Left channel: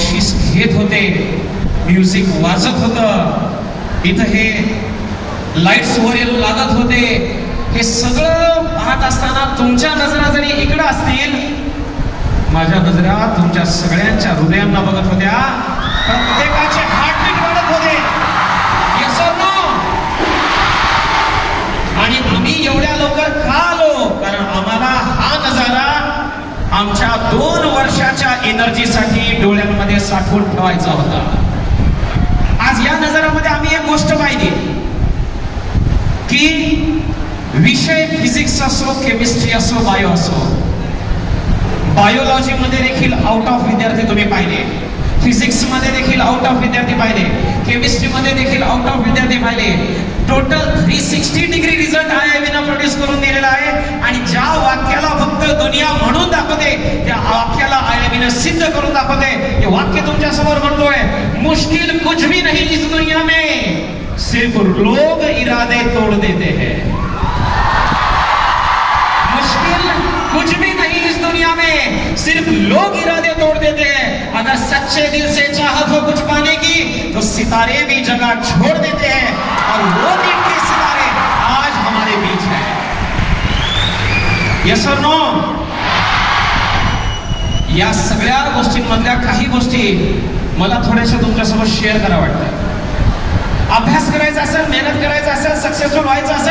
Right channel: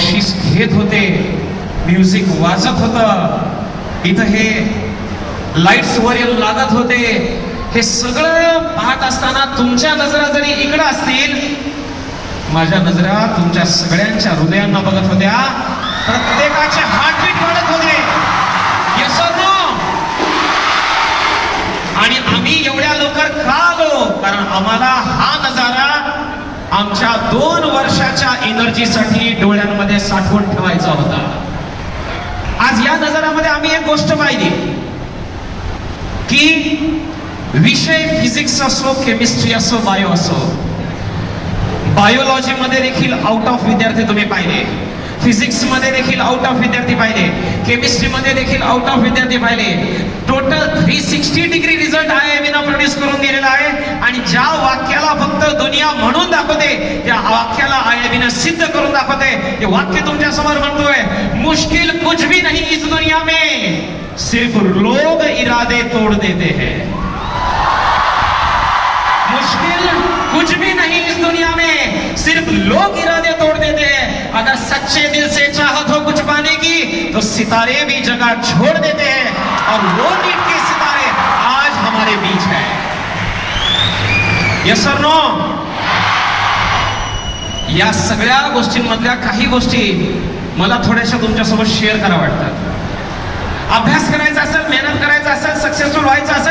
बक्षीस घेत होते, म्युझिक वाजत होतं, इथं हे लाईट्स वर लागत होते, हे सगळं पाहत असताना तुमच्या नजरा जरी इकडं असतील, माझ्या नजरा तुमच्या सगळ्यांच्या हृदयांना बघत होत्या, प्रत्येकाचे हार्टबीट वाढत होते. Yes or no? आणि आम्ही एवढ्या लवकर का आलो? कारण आम्हाला हा नजारा आमच्या 2 वर्षाच्या एनर्जीसाठी डोळ्यांमध्ये साठवून ठेवायचा होता. आज या नजारामध्ये आम्ही एक गोष्ट पाहिली की विषय फिजिक्स असो, केमिस्ट्री असो, बायो असो, बायोलॉजी मध्ये देखील आउट ऑफ विद्यार्थी तुम्ही पाहिले, फिजिक्स मध्ये देखील आउट ऑफ विद्यार्थी पाहिले, केमिस्ट्री मध्ये देखील आउट ऑफ विद्यार्थी पाहिले. टोटल 360 डिग्री रिझल्ट IIB ना प्रोड्यूस करून दिलेला आहे. आणि ज्या वाक्याला फक्त दुनिया म्हणून दाखवते, त्या वाक्याला IIB ने सिद्ध करून दाखवते. हे वाक्य तुमच्या समोर म्हणतोय, मुश्किल कुछ भी नहीं इस दुनिया में, सिर्फ लोग इरादे तोड़ देते हैं. मुश्किल कुछ भी नहीं इस दुनिया में, सिर्फ लोग इरादे तोड़ देते हैं. अगर सच्चे दिल से चाहत हो कुछ पाने की, तो सितारे भी जगह छोड़ देते हैं. और वो नीट के सितारे आज हमारे बीच है. यस और नो? या सगळ्या गोष्टींमधल्या काही गोष्टी मला थोड्याशा तुमच्यासोबत शेअर करा वाटतात. अभ्यास करायचा असेल, मेहनत करायचा असेल, सक्सेसफुल व्हायचं असेल,